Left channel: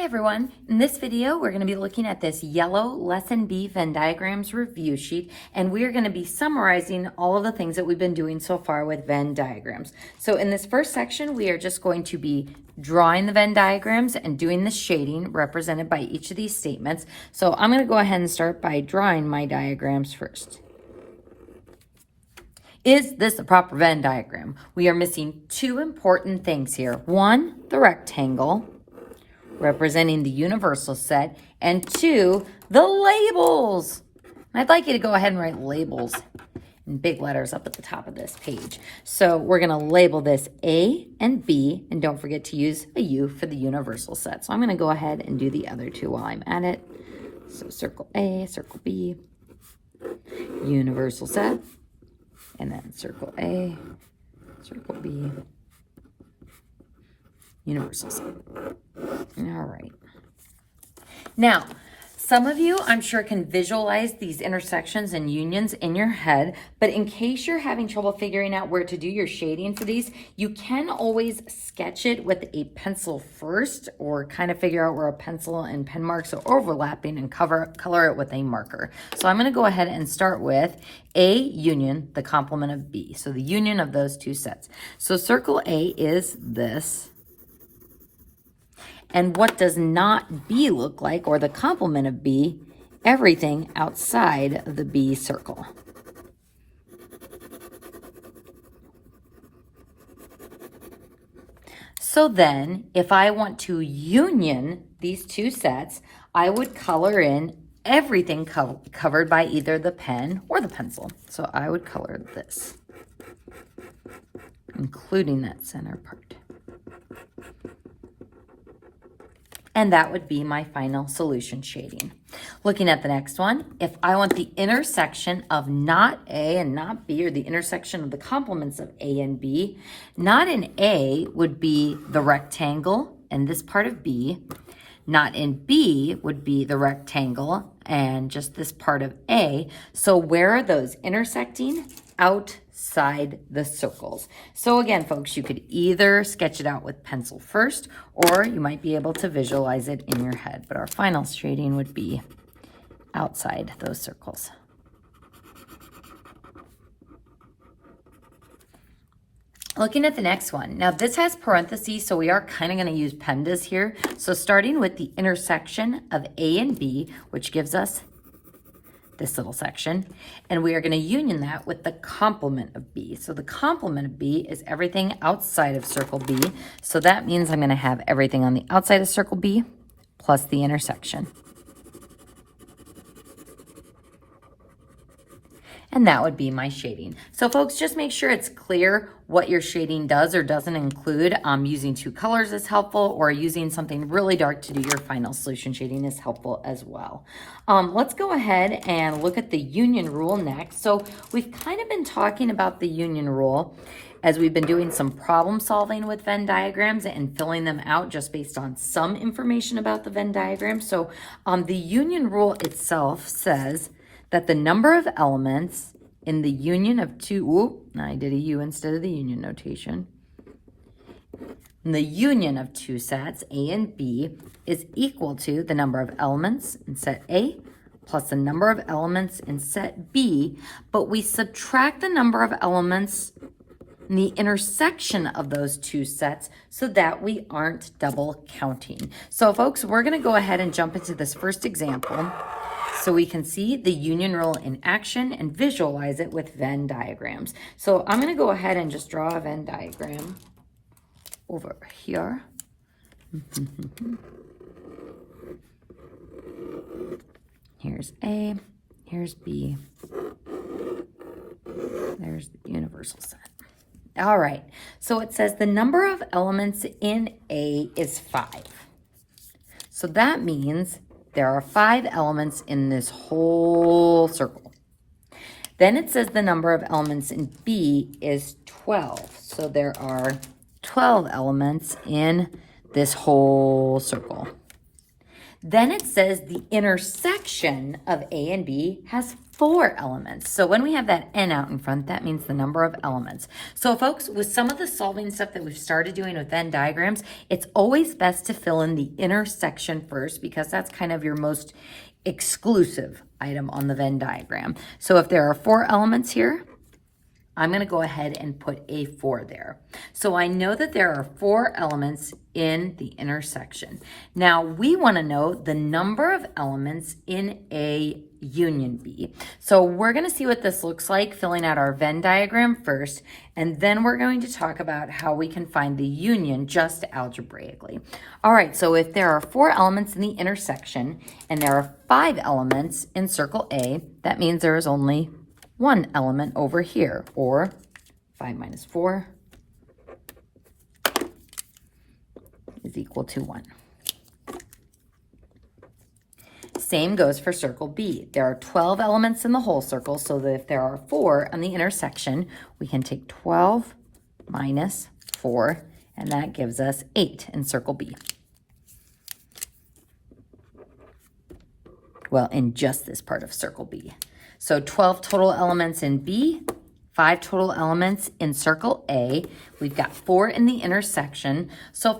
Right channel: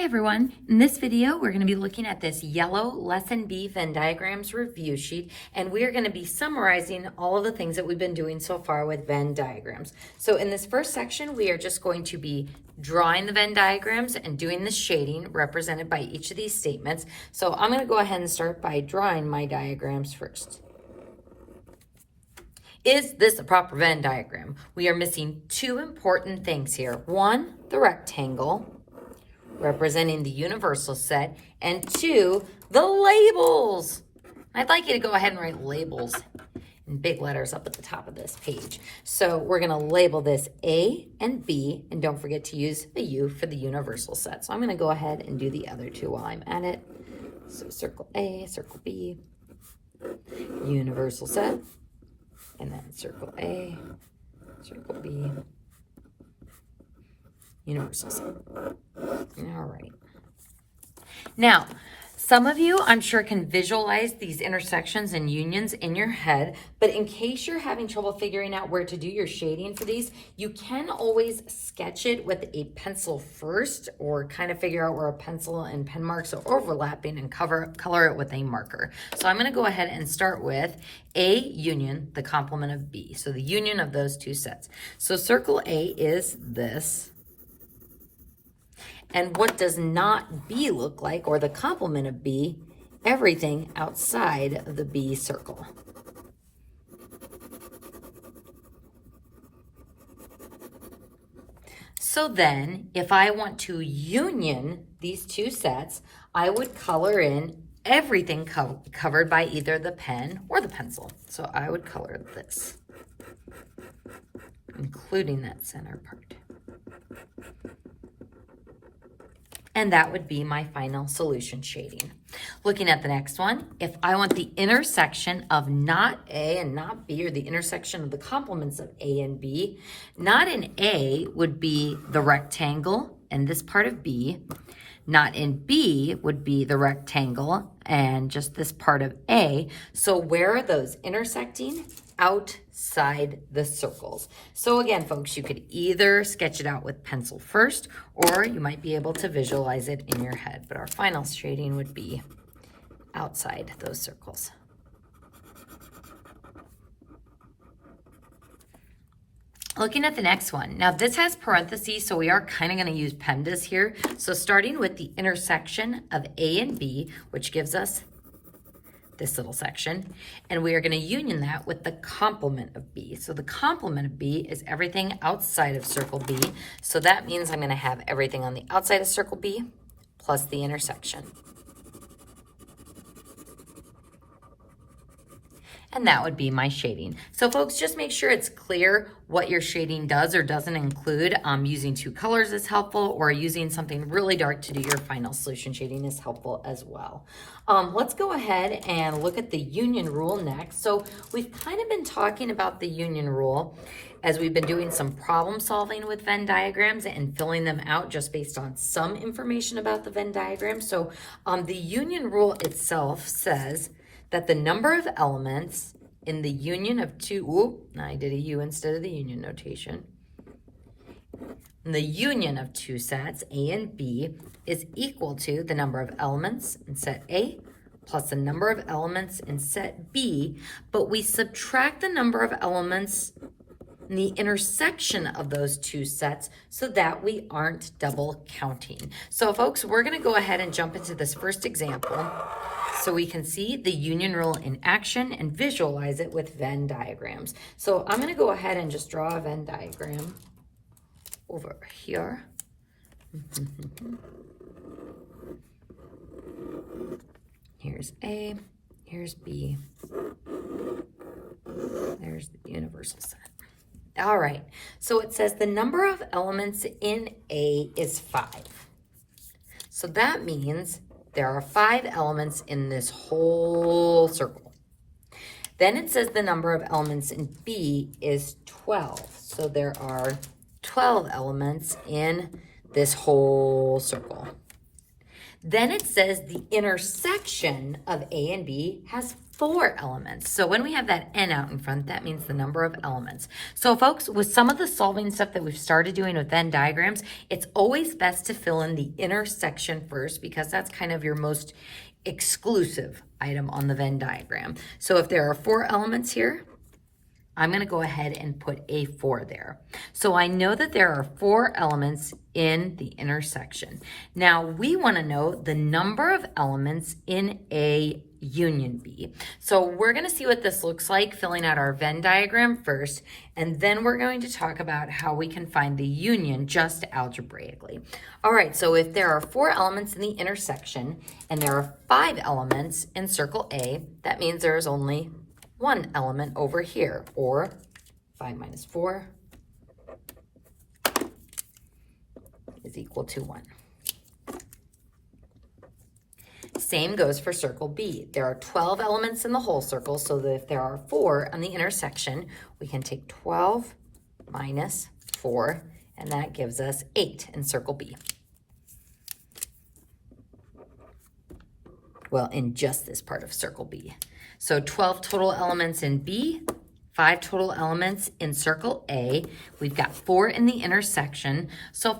Hi everyone, in this video we're going to be looking at this yellow Lesson B Venn diagrams review sheet, and we are going to be summarizing all of the things that we've been doing so far with Venn diagrams. So in this first section we are just going to be drawing the Venn diagrams and doing the shading represented by each of these statements. So I'm going to go ahead and start by drawing my diagrams first. Is this a proper Venn diagram? We are missing two important things here. One, the rectangle, representing the universal set, and two, the labels. I'd like you to go ahead and write labels in big letters up at the top of this page. So we're going to label this A and B, and don't forget to use a U for the universal set. So I'm going to go ahead and do the other two while I'm at it. So circle A, circle B, universal set, and then circle A, circle B, universal set. All right. Now, some of you, I'm sure, can visualize these intersections and unions in your head, but in case you're having trouble figuring out where to do your shading for these, you can always sketch it with a pencil first, or kind of figure out where a pencil and pen marks are overlapping and color it with a marker. So I'm going to go ahead and start with A union, the complement of B. So the union of those two sets. So circle A is this. And what does not B look like, or the complement of B? Everything outside of the B circle. So then, if I want to union these two sets, I would color in everything covered by either the pen or the pencil. So I would color this, including that center part. And that would be my final solution shading. Looking at the next one, if I want the intersection of not A and not B, or the intersection of the complements of A and B, not in A would be the rectangle and this part of B. Not in B would be the rectangle and just this part of A. So where are those intersecting? Outside the circles. So again, folks, you could either sketch it out with pencil first, or you might be able to visualize it in your head. But our final shading would be outside those circles. Looking at the next one. Now this has parentheses, so we are kind of going to use PEMDAS here. So starting with the intersection of A and B, which gives us this little section, and we are going to union that with the complement of B. So the complement of B is everything outside of circle B. So that means I'm going to have everything on the outside of circle B plus the intersection. And that would be my shading. So folks, just make sure it's clear what your shading does or doesn't include. Using two colors is helpful, or using something really dark to do your final solution shading is helpful as well. Let's go ahead and look at the union rule next. So we've kind of been talking about the union rule as we've been doing some problem solving with Venn diagrams and filling them out just based on some information about the Venn diagram. So the union rule itself says that the number of elements in the union of two, I did a U instead of the union notation. And the union of two sets, A and B, is equal to the number of elements in set A plus the number of elements in set B, but we subtract the number of elements in the intersection of those two sets so that we aren't double counting. So folks, we're gonna go ahead and jump into this first example so we can see the union rule in action and visualize it with Venn diagrams. So I'm gonna go ahead and just draw a Venn diagram over here. Here's A, here's B, there's the universal set. All right, so it says the number of elements in A is 5. So that means there are 5 elements in this whole circle. Then it says the number of elements in B is 12. So there are 12 elements in this whole circle. Then it says the intersection of A and B has 4 elements. So when we have that N out in front, that means the number of elements. So folks, with some of the solving stuff that we've started doing with Venn diagrams, it's always best to fill in the intersection first because that's kind of your most exclusive item on the Venn diagram. So if there are 4 elements here, I'm going to go ahead and put a 4 there. So I know that there are 4 elements in the intersection. Now we want to know the number of elements in A union B. So we're going to see what this looks like filling out our Venn diagram first, and then we're going to talk about how we can find the union just algebraically. All right, so if there are 4 elements in the intersection and there are 5 elements in circle A, that means there is only 1 element over here, or 5 minus 4 is equal to 1. Same goes for circle B. There are 12 elements in the whole circle, so that if there are 4 on the intersection, we can take 12 minus 4, and that gives us 8 in circle B. Well, in just this part of circle B. So 12 total elements in B, 5 total elements in circle A. We've got 4 in the intersection. So